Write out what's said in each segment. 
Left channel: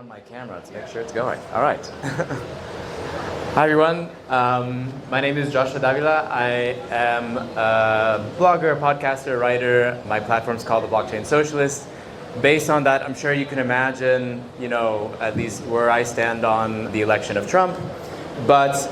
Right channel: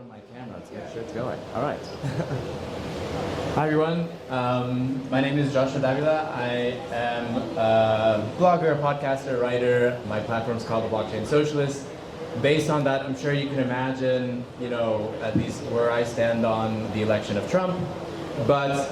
on my camera to make sure it's going. All right. Hi everyone. My name is Joshua Davila. I am a blogger, podcaster, writer. My platform's called The Blockchain Socialist. Based on that, I'm sure you can imagine, at least where I stand on the election of Trump. But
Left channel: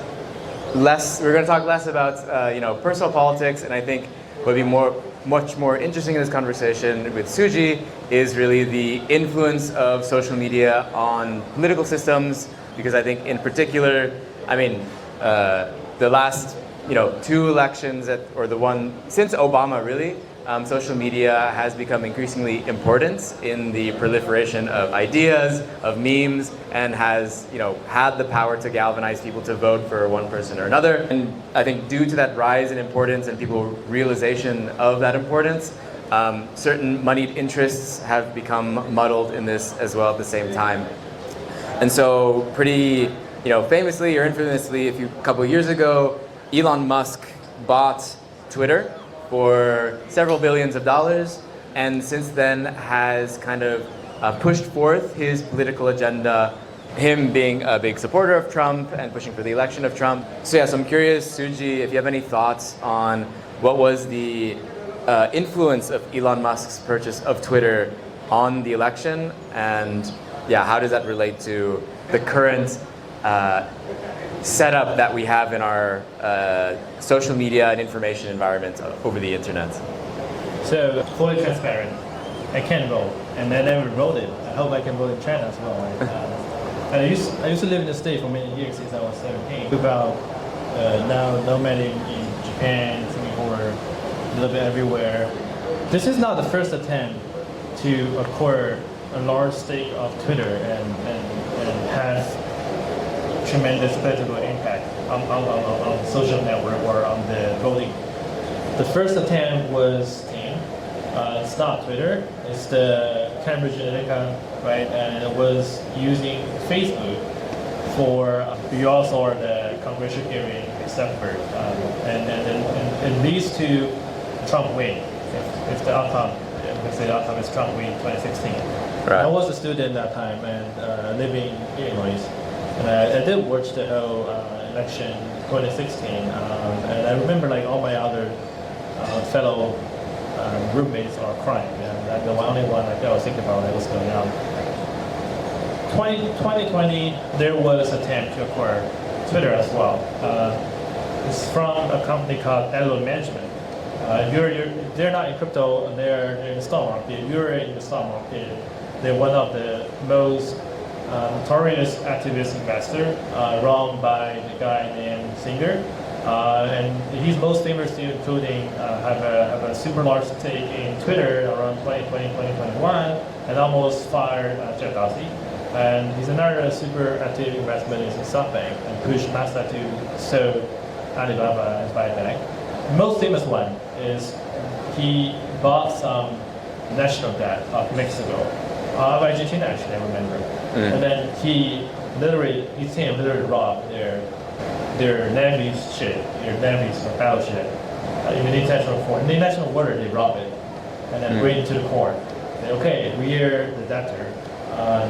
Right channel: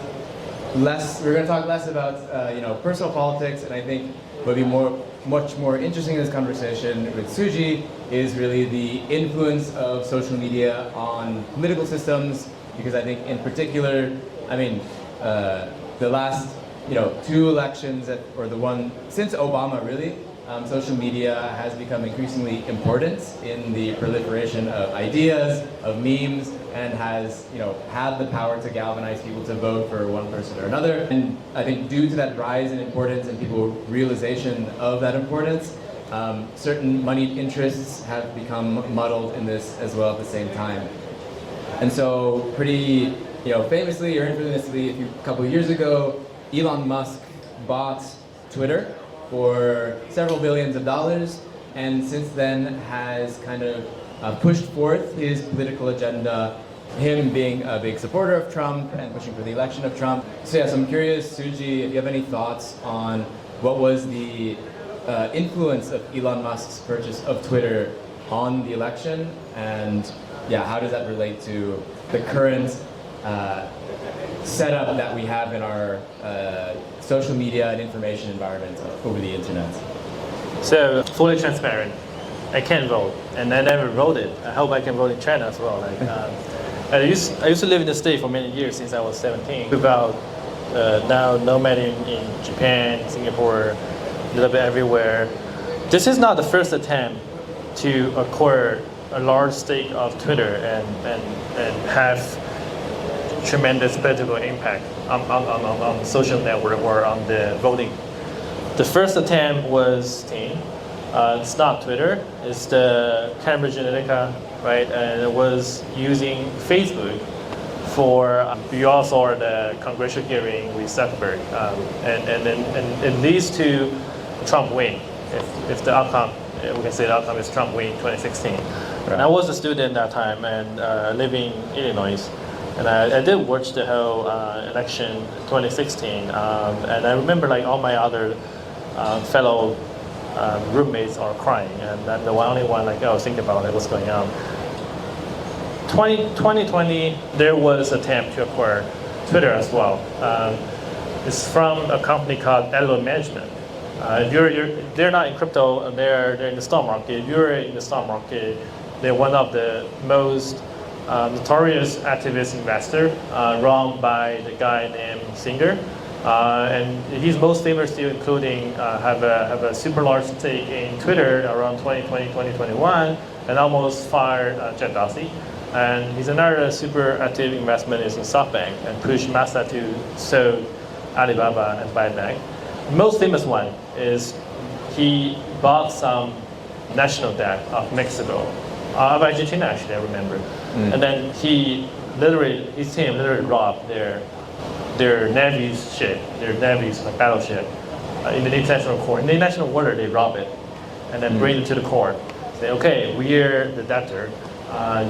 we're going to talk less about, personal politics, and I think what would be much more interesting in this conversation with Suji is really the influence of social media on political systems, because I think in particular, the last, two elections, or the one since Obama really, social media has become increasingly important in the proliferation of ideas, of memes, and has, had the power to galvanize people to vote for one person or another. And I think due to that rise in importance and people's realization of that importance, certain moneyed interests have become muddled in this as well at the same time. And so pretty, famously or infamously, a couple of years ago, Elon Musk bought Twitter for several billions of dollars, and since then has kind of pushed forth his political agenda, him being a big supporter of Trump and pushing for the election of Trump. So I'm curious, Suji, if you have any thoughts on what was the influence of Elon Musk's purchase of Twitter on the election, and how does that relate to the current setup that we have in our social media and information environment over the internet? So, fully transparent. I can vote, and I never voted. I hope I can vote in China as well. I used to live in the state for many years since I was 17. About now nomading in Japan, Singapore, a little bit everywhere. This is not the first attempt to acquire a large stake of Twitter and have tremendous political impact on social network or on the voting. The first attempt was it's not Twitter, it's the Cambridge Analytica, right? And it was using Facebook for, you all saw the congressional hearing with Zuckerberg, and these two, Trump win. If the outcome, we can say the outcome is Trump win 2016. Right. I was a student at that time and living in Illinois. And I did watch the whole election 2016, and I remember all my other fellow roommates are crying, and I'm the only one I was thinking about what's going on. 2020, there was an attempt to acquire Twitter as well. It's from a company called Elo Management. They're not in crypto, they're in the stock market. If you're in the stock market, they're one of the most notorious activist investor, run by the guy named Singer, and he's most famous to including have a super large stake in Twitter around 2020-2021, and almost fired Jeff Dorsey. And he's another super active investment is in SoftBank and pushed Masa to sell Alibaba and buy bank. The most famous one is he bought some national debt of Mexico. Of Argentina, actually, I remember. And then his team literally robbed their Navy's ship, their Navy's battleship in the international court. In the international water, they rob it and then bring it to the court. Say, okay, we're the debtor.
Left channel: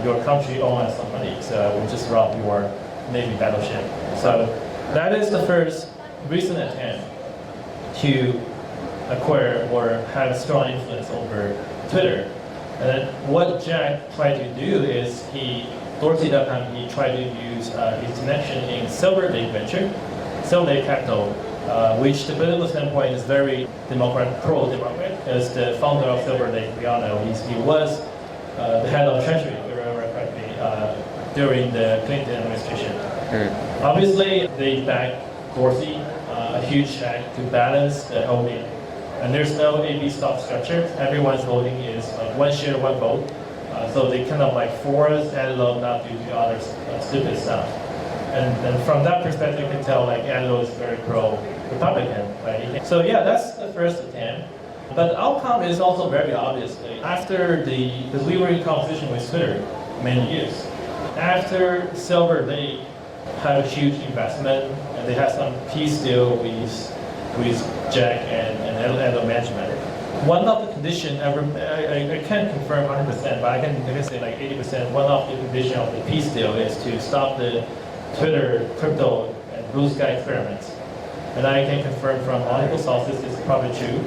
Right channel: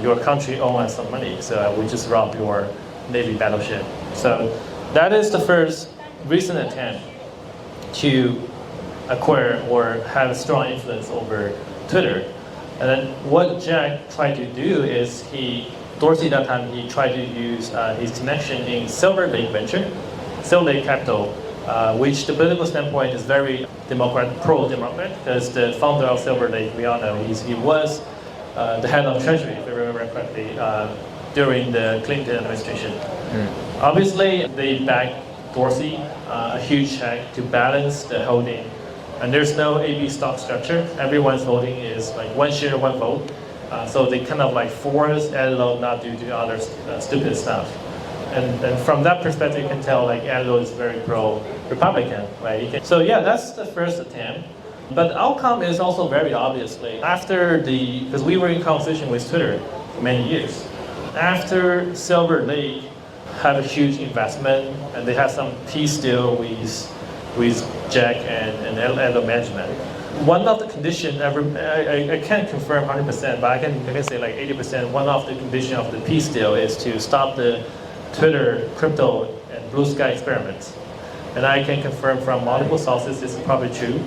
Your country owes us some money, so we just robbed your Navy battleship. So that is the first recent attempt to acquire or have a strong influence over Twitter. And then what Jack tried to do is Dorsey that time, he tried to use his connection in Silver Lake Venture, Silver Lake Capital, which the political standpoint is very pro-democrat, because the founder of Silver Lake, we all know, he was the head of Treasury, if I remember correctly, during the Clinton administration. Obviously, they backed Dorsey, a huge check to balance the holding. And there's no AB stock structure. Everyone's voting is one share, one vote. So they kind of force Elo not to do other stupid stuff. And from that perspective, you can tell Elo is very pro-Republican, right? So that's the first attempt. But the outcome is also very obviously after because we were in conversation with Twitter many years. After Silver Lake had a huge investment and they had some peace deal with Jack and Elo Management. One of the conditions, I can't confirm 100%, but I can say like 80%. One of the conditions of the peace deal is to stop the Twitter, crypto, and blue sky experiments. And I can confirm from multiple sources, it's probably true,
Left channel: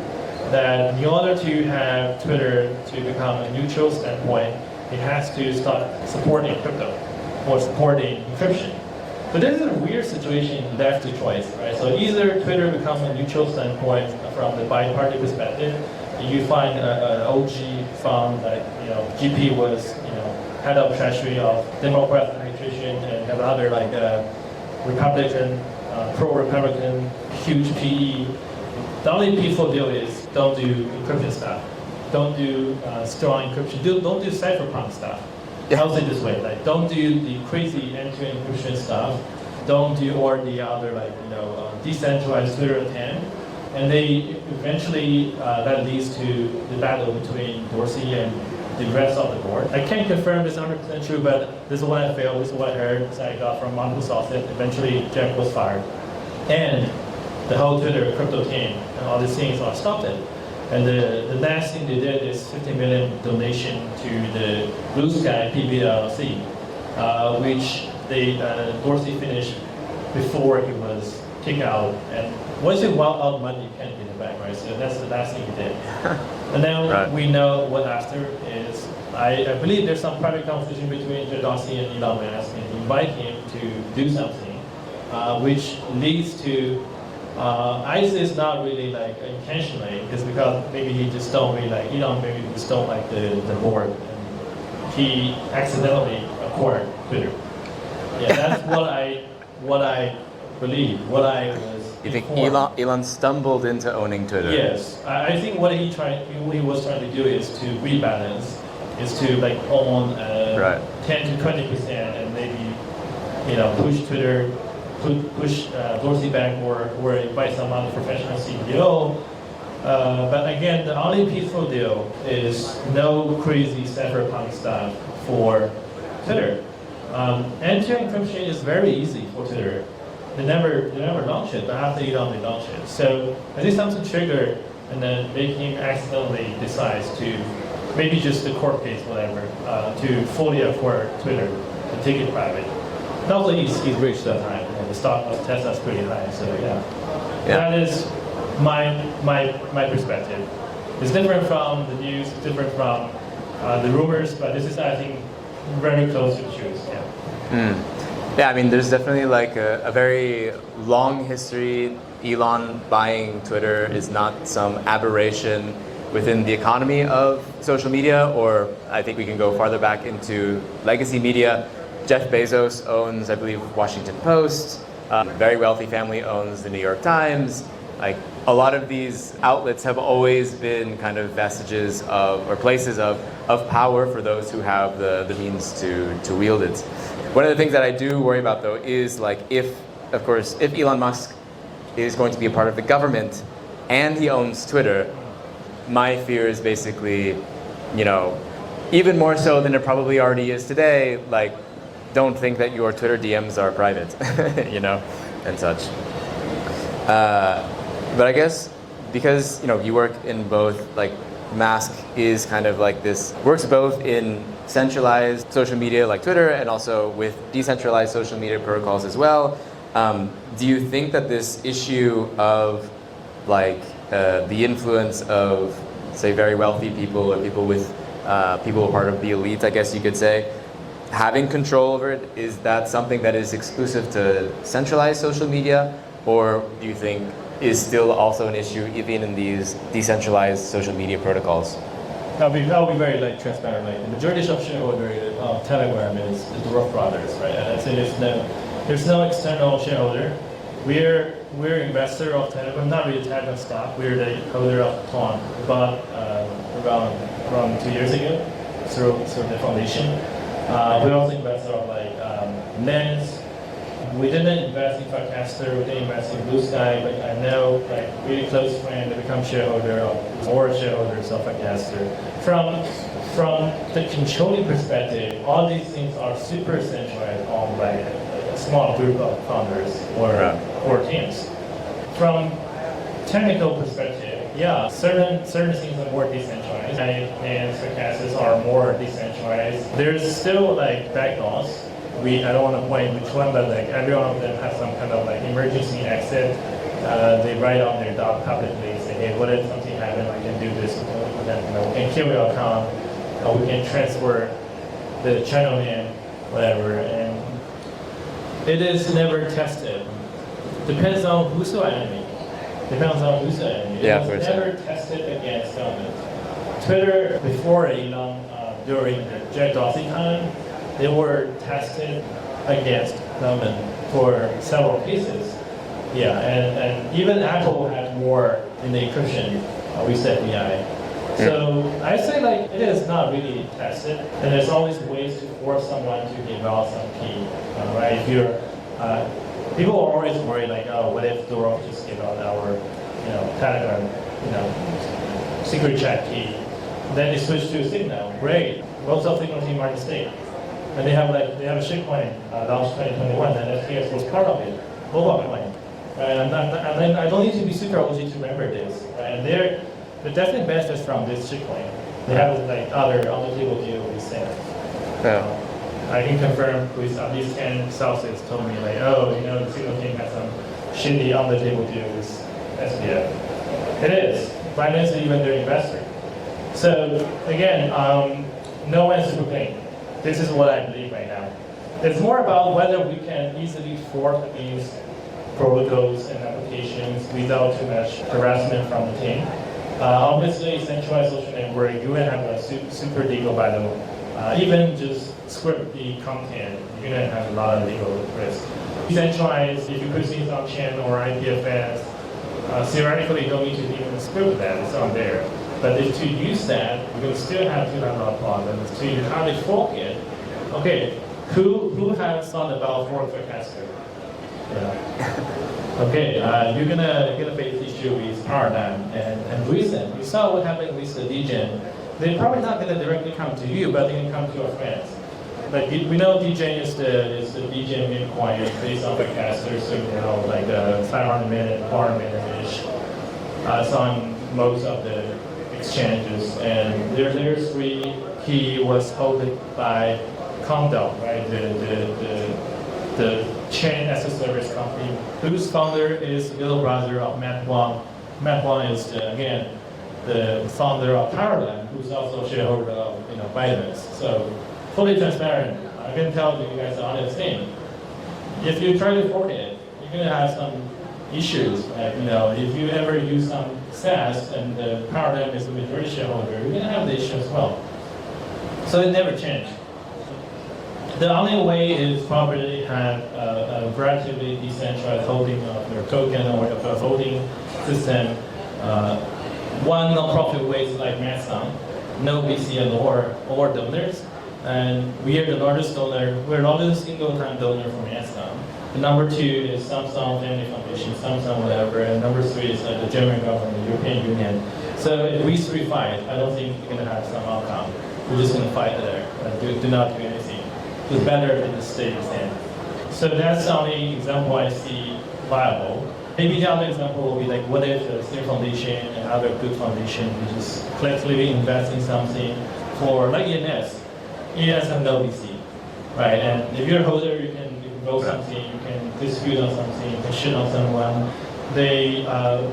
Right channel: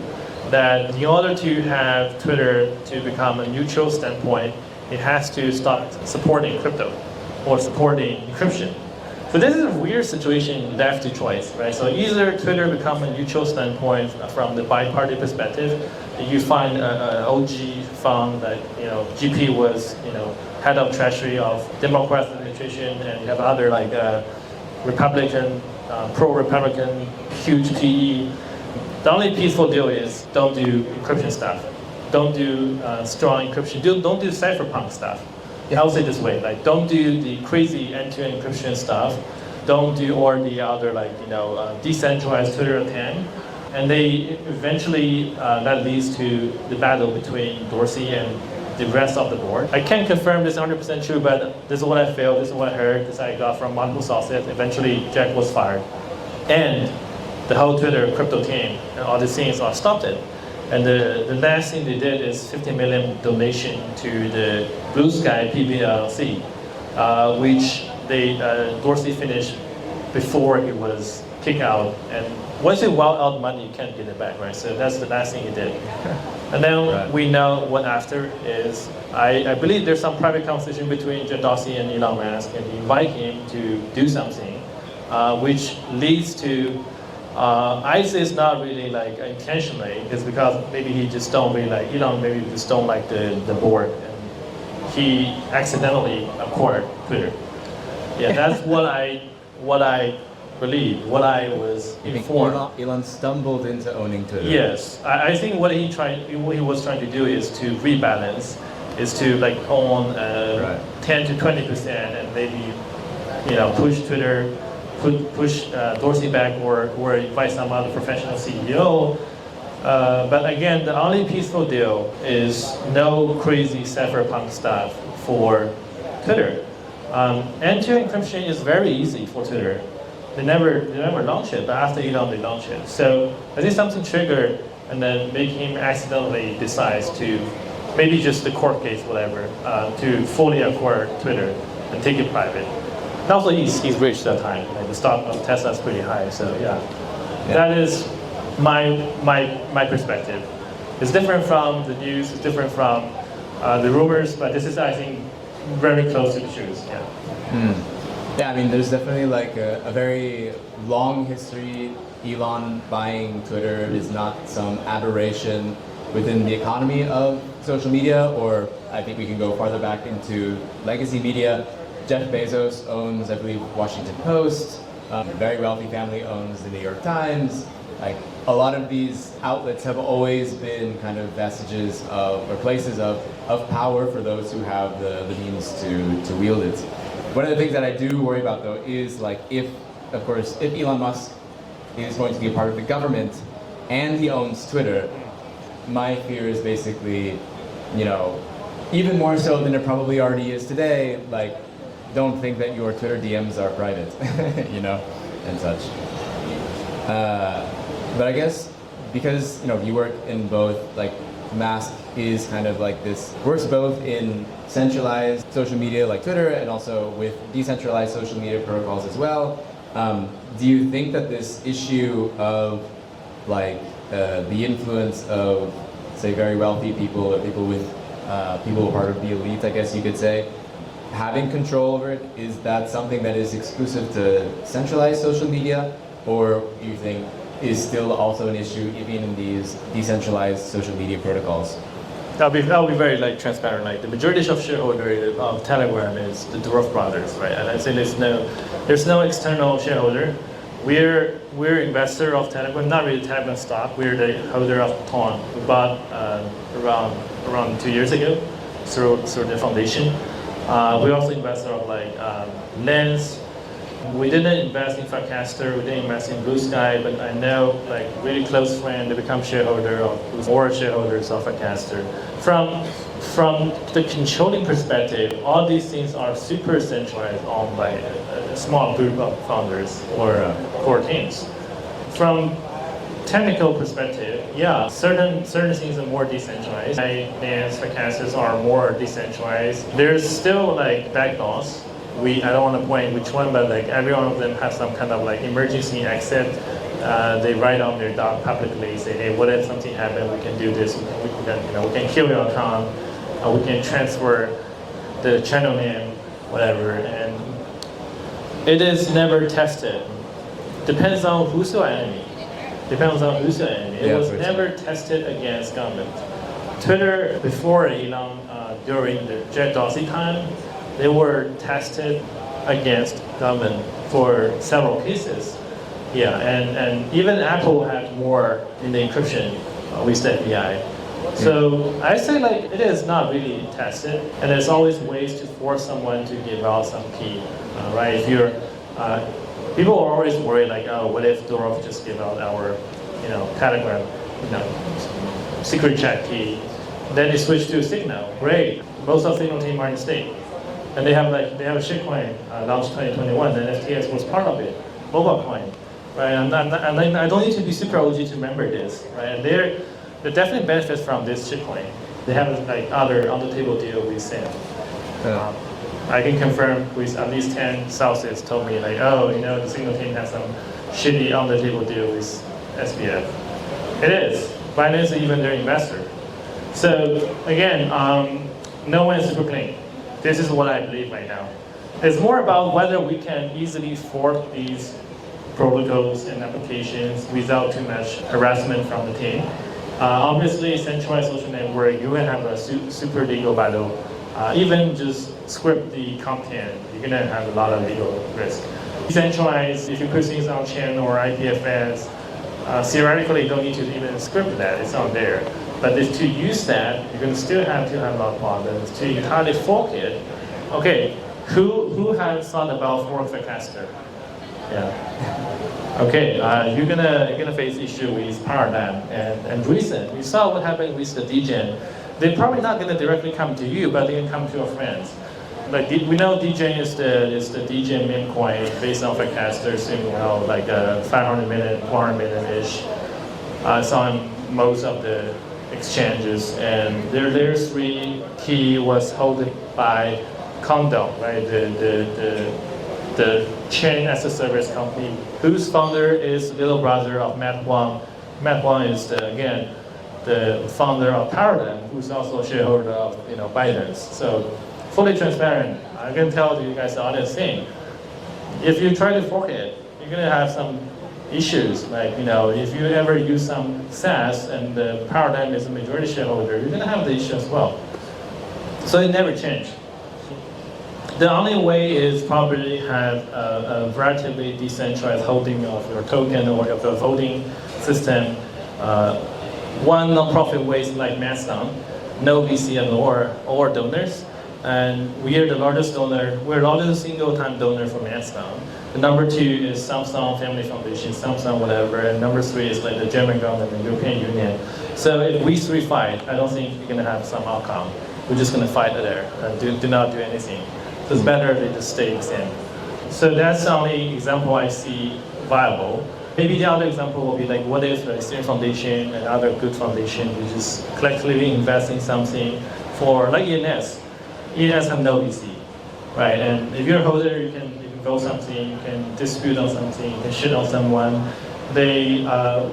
that in order to have Twitter to become a neutral standpoint, it has to stop supporting crypto or supporting encryption. So this is a weird situation left to choice, right? So either Twitter become a neutral standpoint from the bi-party perspective, you find an OG fund like, GP was, head of treasury of Democrat administration, and you have other like Republican, pro-Republican, huge PE. The only peaceful deal is don't do encryption stuff. Don't do strong encryption. Don't do cypherpunk stuff. I'll say this way, like don't do the crazy end-to-end encryption stuff. Don't do all the other decentralized Twitter attempt. And they eventually that leads to the battle between Dorsey and the rest of the board. I can't confirm this 100% true, but this is what I felt, this is what I heard, this I got from multiple sources. Eventually Jack was fired. And the whole Twitter crypto team and all these things all stopped it. And the last thing they did is 50 million donation to the Blue Sky PBLC, which they Dorsey finished before he was kicked out. And once you wild out money, you can't get it back, right? So that's the last thing he did. And then we know what after is, I believe there's some private conversation between Jack Dorsey and Elon Musk, and he invite him to do something, which leads to I say it's not really like intentionally. It's because maybe he just don't really like, maybe he just don't like the board, and he accidentally acquired Twitter. Yeah, that's what I believe. What I was. You think informed. Elon stumbled into owning Twitter? Yes, I think what he was trying to do is to rebalance, is to like own 10 to 20%, and maybe push Twitter. Push Dorsey back or invite some other professional CEO. But again, the only peaceful deal is no crazy cypherpunk stuff for Twitter. End-to-end encryption is very easy for Twitter. They never launch it, but after Elon they launch it. So I think something triggered and then make him accidentally decides to, maybe just the court case, whatever, to fully acquire Twitter and take it private. And also, he's rich that time. The stock of Tesla is pretty high, so yeah. That is my perspective. It's different from the news, it's different from the rumors, but this is, I think, very close to the truth. Yeah. Yeah, I mean, there's definitely like a very long history. Elon buying Twitter is not some aberration within the economy of social media, or I think we can go farther back into legacy media. Jeff Bezos owns, I believe, Washington Post. A very wealthy family owns the New York Times. Like a lot of these outlets have always been kind of vestiges of, or places of power for those who have the means to wield it. One of the things that I do worry about though is like if Elon Musk is going to be a part of the government and he owns Twitter, my fear is basically, even more so than it probably already is today, like, don't think that your Twitter DMs are private, and such. But I guess because you work in both, like Mask is kind of like this, works both in centralized social media like Twitter and also with decentralized social media protocols as well. Do you think that this issue of like the influence of, say, very wealthy people or people with people part of the elite, I guess you could say, having control over it, is that something that is exclusive to centralized social media, or do you think is still also an issue even in these decentralized social media protocols? I'll be very like transparent. Like the majority of shareholder of Telegram is the Dwarf Brothers, right? And I say there's no external shareholder. We're investor of Telegram, not really Telegram stock. We're the holder of Ton. We bought around 2 years ago through the foundation. We also invested of like Lens. We didn't invest in Farcaster, we didn't invest in Blue Sky, but I know like really close friend that become shareholder or shareholders of Farcaster. From the controlling perspective, all these things are super centralized owned by a small group of founders or teams. From technical perspective, yeah, certain things are more decentralized. Finance forecasts are more decentralized. There's still like backdoors. I don't want to point which one, but like every one of them has some kind of like emergency exit. They write on their doc publicly, say, hey, what if something happens? We can do this. We can kill your account. We can transfer the channel name, whatever. And it is never tested. Depends on who's your enemy. It was never tested against government. Twitter, before Elon, during the Jack Dorsey time, they were tested against government for several cases. Yeah, and even Apple had more in the encryption with the AI. So I say like it is not really tested, and there's always ways to force someone to give out some key, right? If you're, people are always worried like, oh, what if Durov just give out our, Telegram, secret chat key? Then they switch to Signal. Great, most of Signal team are in state, and they have a shitcoin launched 2021, and FTX was part of it, mobile coin, right? And I don't need to be super OG to remember this, right? They definitely benefit from this shitcoin. They have like other on-the-table deal with Sam. Yeah. I can confirm with at least 10 sources told me like, oh, the Signal team has some shitty on-the-table deal with SBF. It is. Binance is even their investor. So again, no one is super clean. This is what I believe right now. It's more about whether we can easily fork these protocols and applications without too much harassment from the team. Obviously, centralized social network, you will have a super legal battle. Even just script the content, you're going to have a lot of legal risk. Decentralized, if you put things on chain or IPFS, theoretically you don't need to even script that, it's on there. But if to use that, you're going to still have to have a lot of problems. To entirely fork it, okay, who has thought about fork the caster? Yeah. Okay, you're gonna face issue with paradigm and reason. You saw what happened with the DGen. They're probably not gonna directly come to you, but they can come to your friends. Like we know DGen is the DGen main coin based on forecasters, like 500 million, 400 million-ish. It's on most of the exchanges, and their three key was held by Condor, right? The chain as a service company, whose founder is little brother of Matt Wang. Matt Wang is again the founder of Paradigm, who's also a shareholder of Binance. So fully transparent. I can tell you guys the honest thing. If you try to fork it, you're gonna have some issues. Like if you ever use some SaaS and the Paradigm is a majority shareholder, you're gonna have the issue as well. So it never changed. The only way is probably have a relatively decentralized holding of your token or of your voting system. One non-profit ways like Mastodon, no VC or donors. And we are the largest donor, we're the largest single-time donor for Mastodon. The number two is Samsung Family Foundation, Samsung whatever, and number three is like the German government, the European Union. So if we three fight, I don't think we're gonna have some outcome. We're just gonna fight there and do not do anything. So it's better if they just stay the same. So that's the only example I see viable. Maybe the other example will be like, what if the same foundation and other good foundation, we just collectively invest in something for like ENS. ENS have no VC, right? And if you're a holder, you can build something, you can dispute on something, you can shit on someone.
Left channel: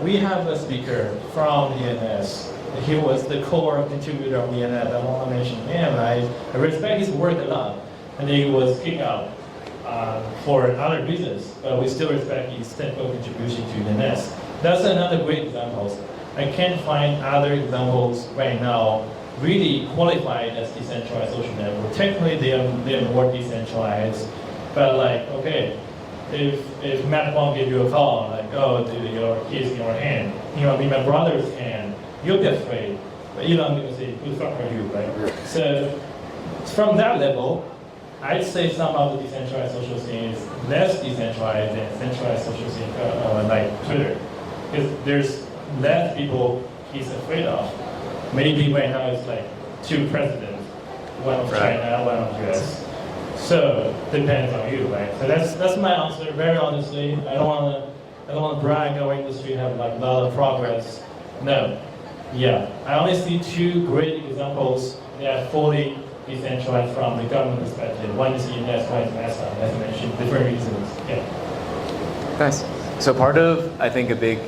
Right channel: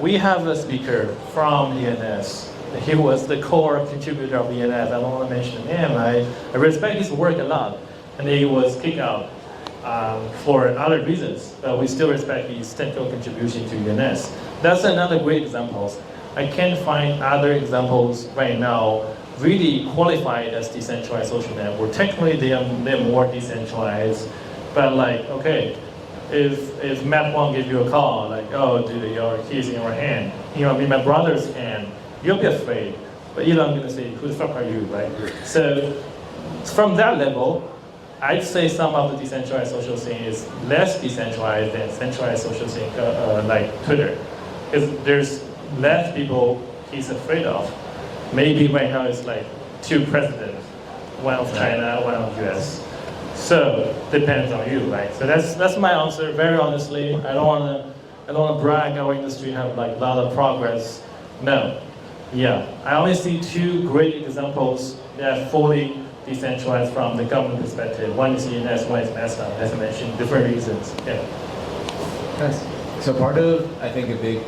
We have a speaker from ENS. He was the core contributor of ENS. I don't want to mention him. I respect his work a lot. And he was kicked out for other reasons, but we still respect his technical contribution to ENS. That's another great example. I can't find other examples right now really qualified as decentralized social network. Technically, they're more decentralized, but like, okay, if Matt Wang give you a call, like, oh, dude, your keys in your hand, in my brother's hand, you'll be afraid. But I'm gonna say, who the fuck are you, right? So from that level, I'd say some of the decentralized social scene is less decentralized than centralized social scene, like Twitter. Because there's less people he's afraid of. Maybe right now it's like two presidents, one of China, one of US. So depends on you, right? So that's my answer. Very honestly, I don't want to I don't want to brag our industry have like a lot of progress. No. Yeah. I only see two great examples that are fully decentralized from the government perspective. One is ENS, one is NASA, as I mentioned, different reasons. Yeah. Nice. So I think a big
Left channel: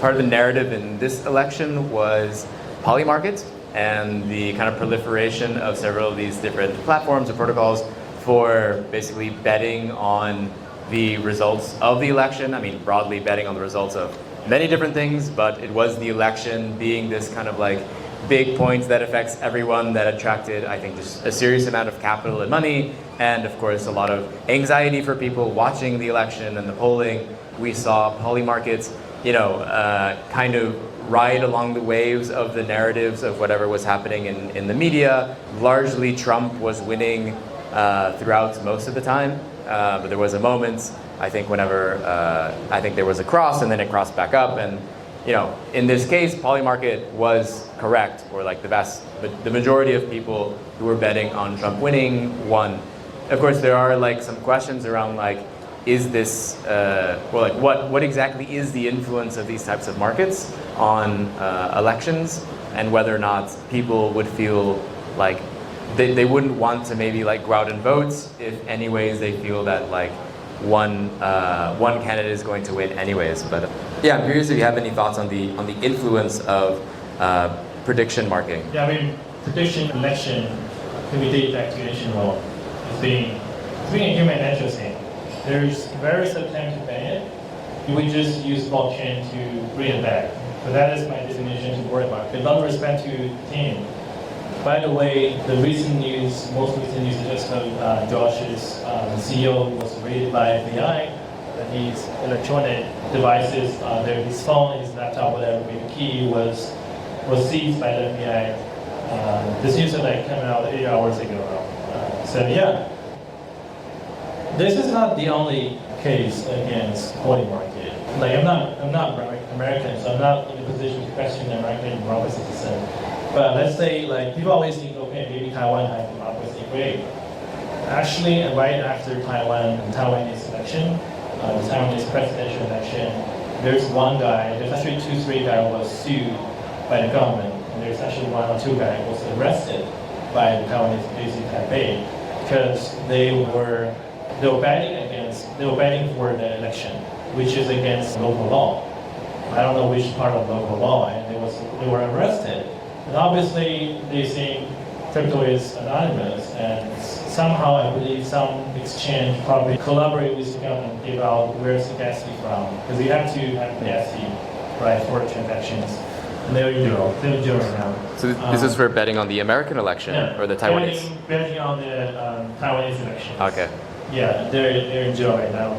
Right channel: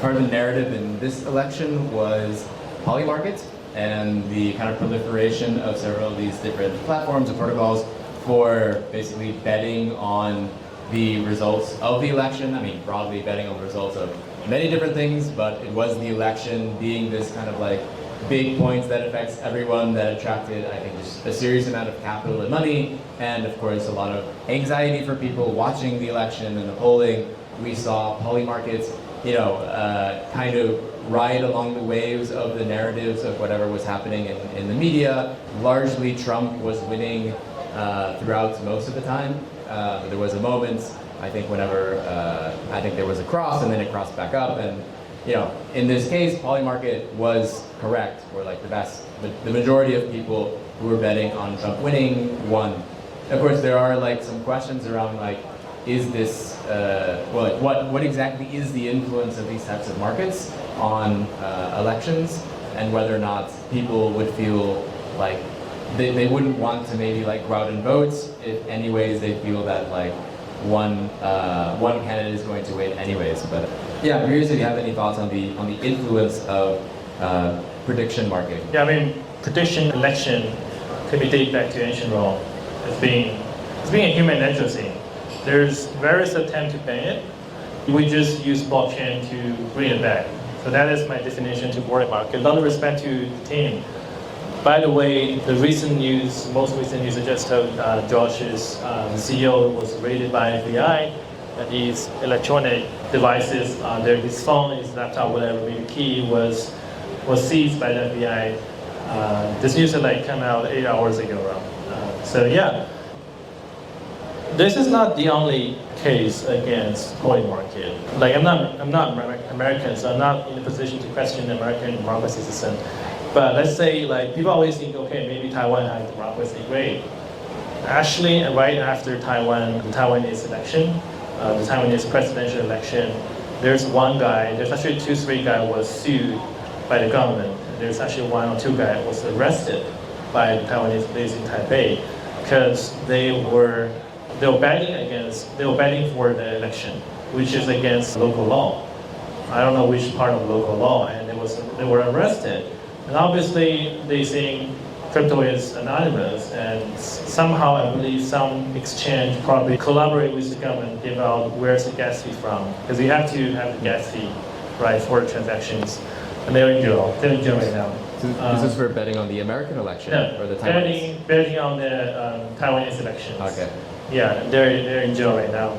part of the narrative in this election was polymarket and the kind of proliferation of several of these different platforms or protocols for basically betting on the results of the election. I mean, broadly betting on the results of many different things, but it was the election being this kind of like big points that affects everyone that attracted, I think, just a serious amount of capital and money, and of course a lot of anxiety for people watching the election and the polling. We saw polymarkets, kind of ride along the waves of the narratives of whatever was happening in the media. Largely Trump was winning throughout most of the time, but there was a moment, I think, whenever I think there was a cross and then it crossed back up, and in this case, polymarket was correct, or like the majority of people who were betting on Trump winning won. Of course, there are like some questions around like, is this, what exactly is the influence of these types of markets on elections, and whether or not people would feel like they wouldn't want to maybe like go out and vote if anyways they feel that like one candidate is going to win anyways. But yeah, I'm curious if you have any thoughts on the influence of prediction marketing. Yeah, I mean, prediction election can be dated back to ancient Rome. It's being a human nature thing. There's various attempts to ban it. We just use blockchain to bring it back. So that is my definition to world market. A lot of respect to the team. By the way, the most recent news I just told Josh's the CEO was raided by FBI, that his electronic devices, his phone, his laptop, whatever, the key was seized by the FBI. This news had like come out 8 hours ago. So yeah, this is not the only case against holy market. Like I'm not American, so I'm not in a position to question the American democracy system. But let's say, like, people always think, okay, maybe Taiwan has democracy, great. Actually, right after the Taiwanese election, the Taiwanese presidential election, there's actually 2-3 guys was sued by the government. And there's actually 1 or 2 guys was arrested by the Taiwanese based in Taipei because they were betting for the election, which is against local law. I don't know which part of local law, and they were arrested. And obviously, they think crypto is anonymous, and somehow I believe some exchange probably collaborate with the government about where's the gas fee from, because you have to have the gas fee, right, for transactions. And they're in jail right now. So this is for betting on the American election or the Taiwanese? Betting on the Taiwanese elections. Okay. Yeah, they're in jail right now.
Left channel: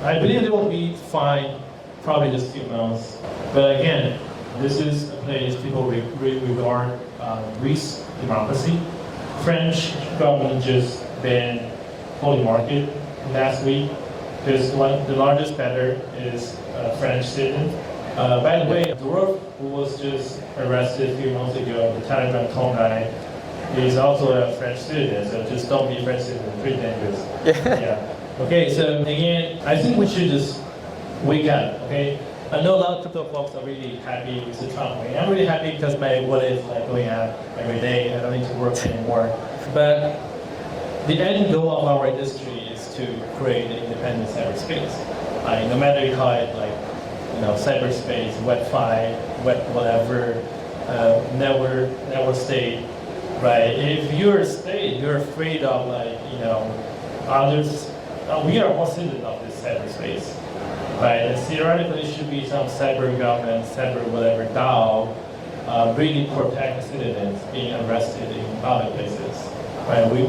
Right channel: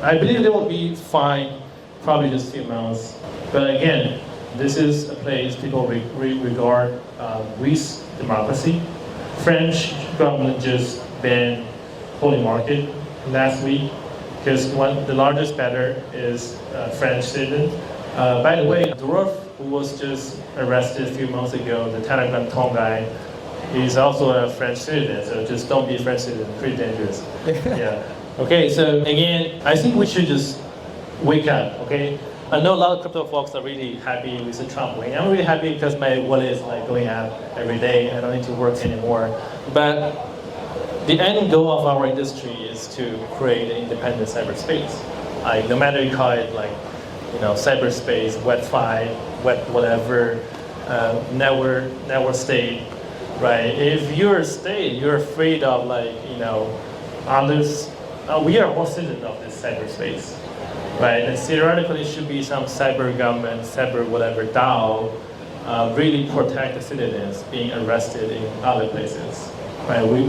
I believe they will be fined probably just a few months. But again, this is a place people regard Greece democracy. French government just banned holy market last week because the largest bettor is a French citizen. By the way, Dwarf, who was just arrested a few months ago, the Telegram Tom guy, he's also a French citizen, so just don't be a French citizen, pretty dangerous. Yeah. Okay, so again, I think we should just wake up, okay? I know a lot of crypto folks are really happy with the Trump win. I'm really happy because my wallet is like going out every day. I don't need to work anymore. But the end goal of our industry is to create an independent cyberspace. No matter you call it like, cyberspace, Web3, Web whatever, network state, right? If you're a state, you're afraid of others. We are all citizens of this cyberspace. Right, and theoretically, it should be some cyber government, cyber whatever DAO, really protect the citizens being arrested in public places. Right, we're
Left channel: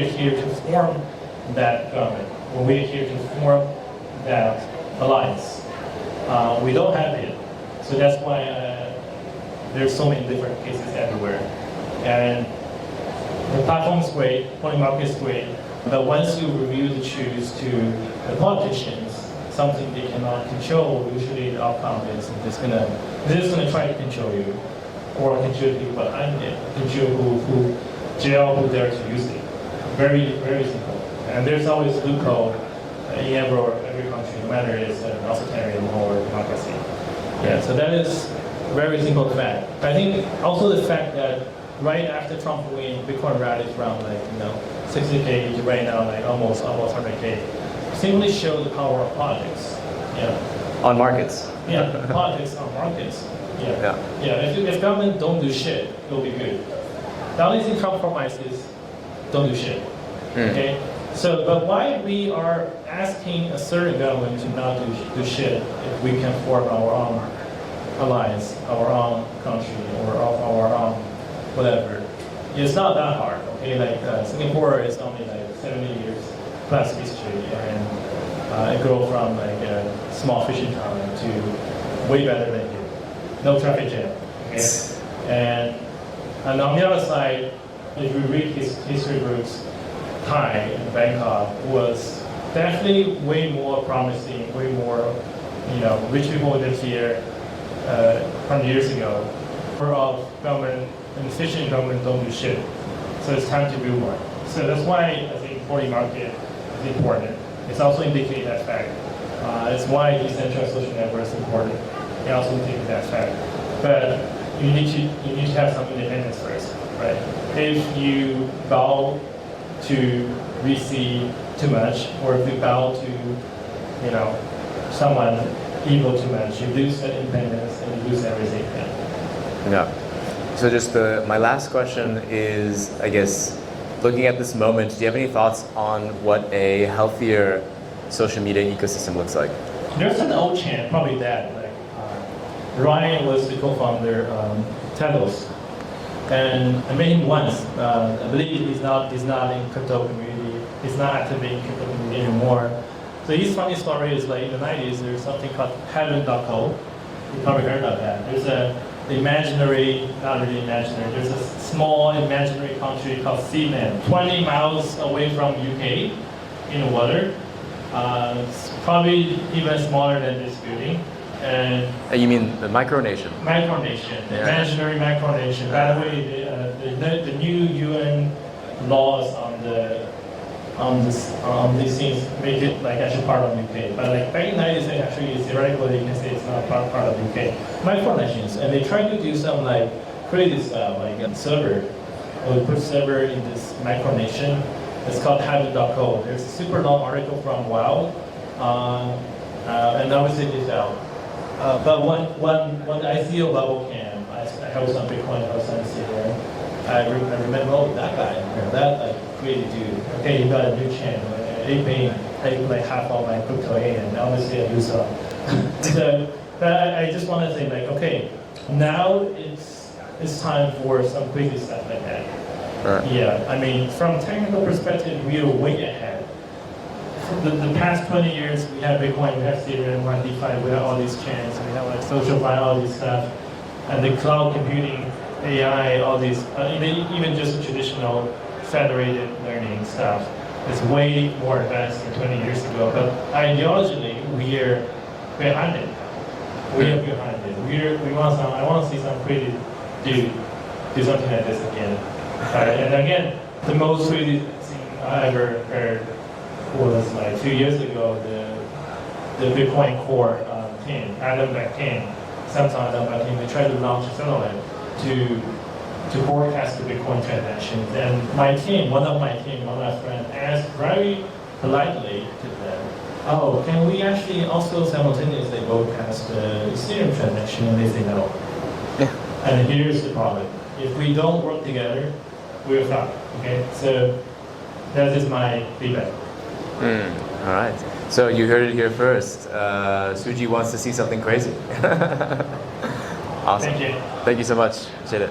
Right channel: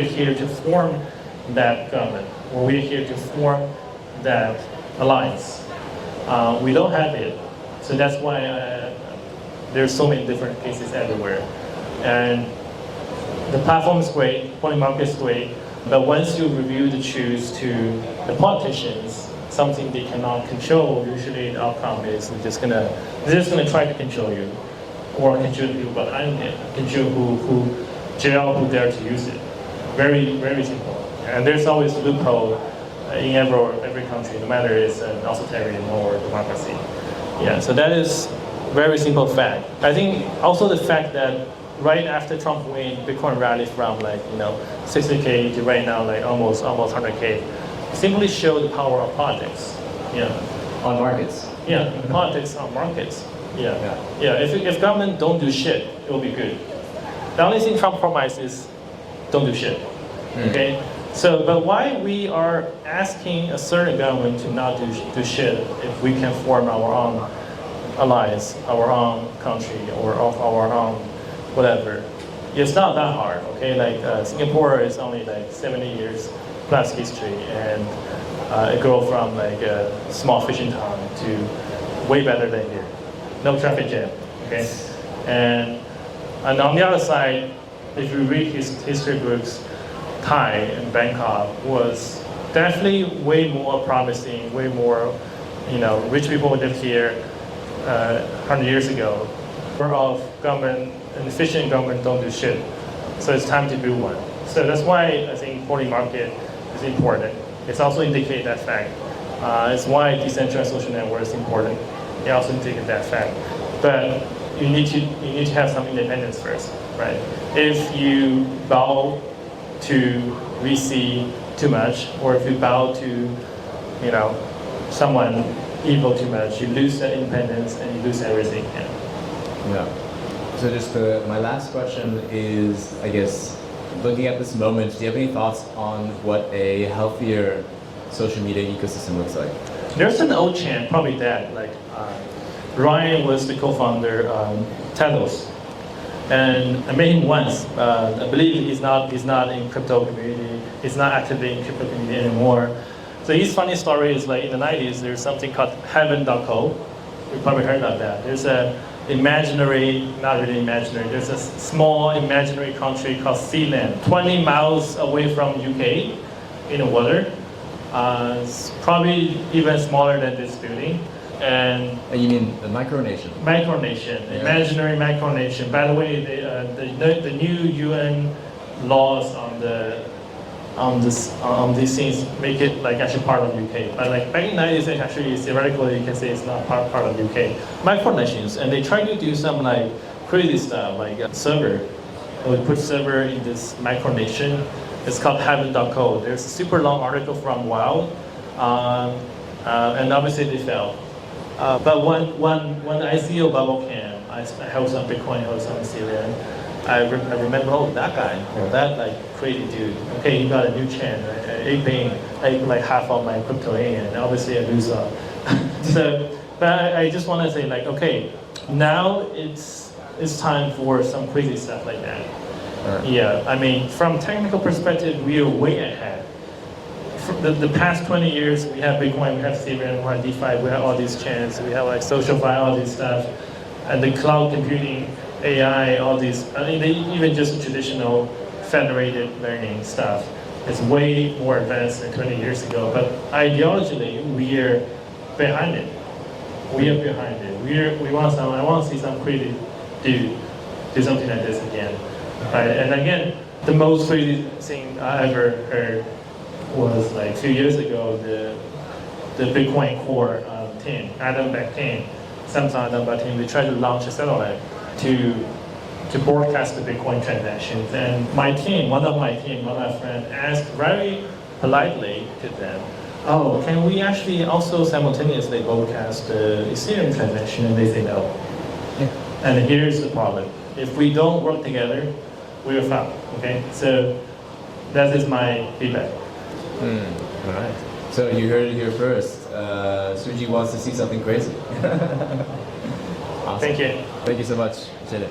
here to form that government, or we're here to form that alliance. We don't have it, so that's why there's so many different cases everywhere. And the platform is great, holy market is great, but once you review the choose to the politicians, something they cannot control, usually the outcome is they're just gonna try to control you, or control people behind it, control who dare to use it. Very, very simple. And there's always a loophole in every country, no matter it's an authoritarian or democracy. Yeah, so that is very simple fact. I think also the fact that right after Trump win, Bitcoin rallied from 60K to right now almost 100K, simply show the power of politics. Yeah. On markets. Yeah, politics on markets. Yeah. If government don't do shit, it will be good. The only thing Trump promised is don't do shit. Okay. So, but why we are asking a certain government to not do shit if we can form our own alliance, our own country, or our own whatever? It's not that hard. Okay. Singapore is only 70 years plus history, and it grew from a small fishing town to way better than here. No traffic jam. Okay. And on the other side, if you read history books, Thai and Bangkok was definitely way more promising, way more, rich people lived here 100 years ago. Of government and efficient government don't do shit. So it's time to do one. So that's why I think porting market is important. It's also indicate that fact. It's why decentralized social network is important. It also indicate that fact. But you need to have some independence first, right? If you bow to VC too much, or if you bow to, someone evil too much, you lose that independence and you lose everything. Yeah. So just my last question is, I guess, looking at this moment, do you have any thoughts on what a healthier social media ecosystem looks like? There's an old chant, probably that, Ryan was the co-founder Telos. And I met him once. I believe he's not in crypto community. He's not actively in crypto community anymore. So his funny story is in the 90s, there's something called heaven.co. You probably heard about that. There's a imaginary, not really imaginary, there's a small imaginary country called Sealand, 20 miles away from UK in the water. It's probably even smaller than this building. And you mean the micronation? Micronation, the imaginary micronation. By the way, the new UN laws on these things make it actually part of UK. But back in the 90s, actually theoretically you can say it's not part of UK. Micronations, and they try to do some crazy stuff a server. They put server in this micronation. It's called heaven.co. There's a super long article from Wow, and obviously they fell. But when the ICO bubble came, I held some Bitcoin, I held some Ethereum. I remember, that guy, that crazy dude. Okay, he got a new chain. I ate half of my crypto A, and obviously I lose some. But I just want to say okay, now it's time for some crazy stuff like that. Yeah, I mean, from technical perspective, we are way ahead. For the past 20 years, we have Bitcoin, we have Ethereum, we have DeFi, we have all these chains, we have SocialFi, all this stuff, and the cloud computing, AI, all these, even just traditional federated learning stuff is way more advanced than 20 years ago. But ideologically, we are behind it. We are behind it. I want to see some crazy do something like this again. And again, the most crazy thing I ever heard was 2 years ago, the Bitcoin core team, Adam Beck team, Samsung Adam Beck team, they tried to launch a satellite to broadcast the Bitcoin transactions. And my team, one of my friends, asked very politely to them, oh, can we actually also simultaneously broadcast the Ethereum transaction? And they say no. Yeah. And here's the problem. If we don't work together, we will fail. Okay? So that is my feedback. All right. So you heard it here first. Suji wants to see something crazy. Awesome. Thank you. Thank you so much. Appreciate it.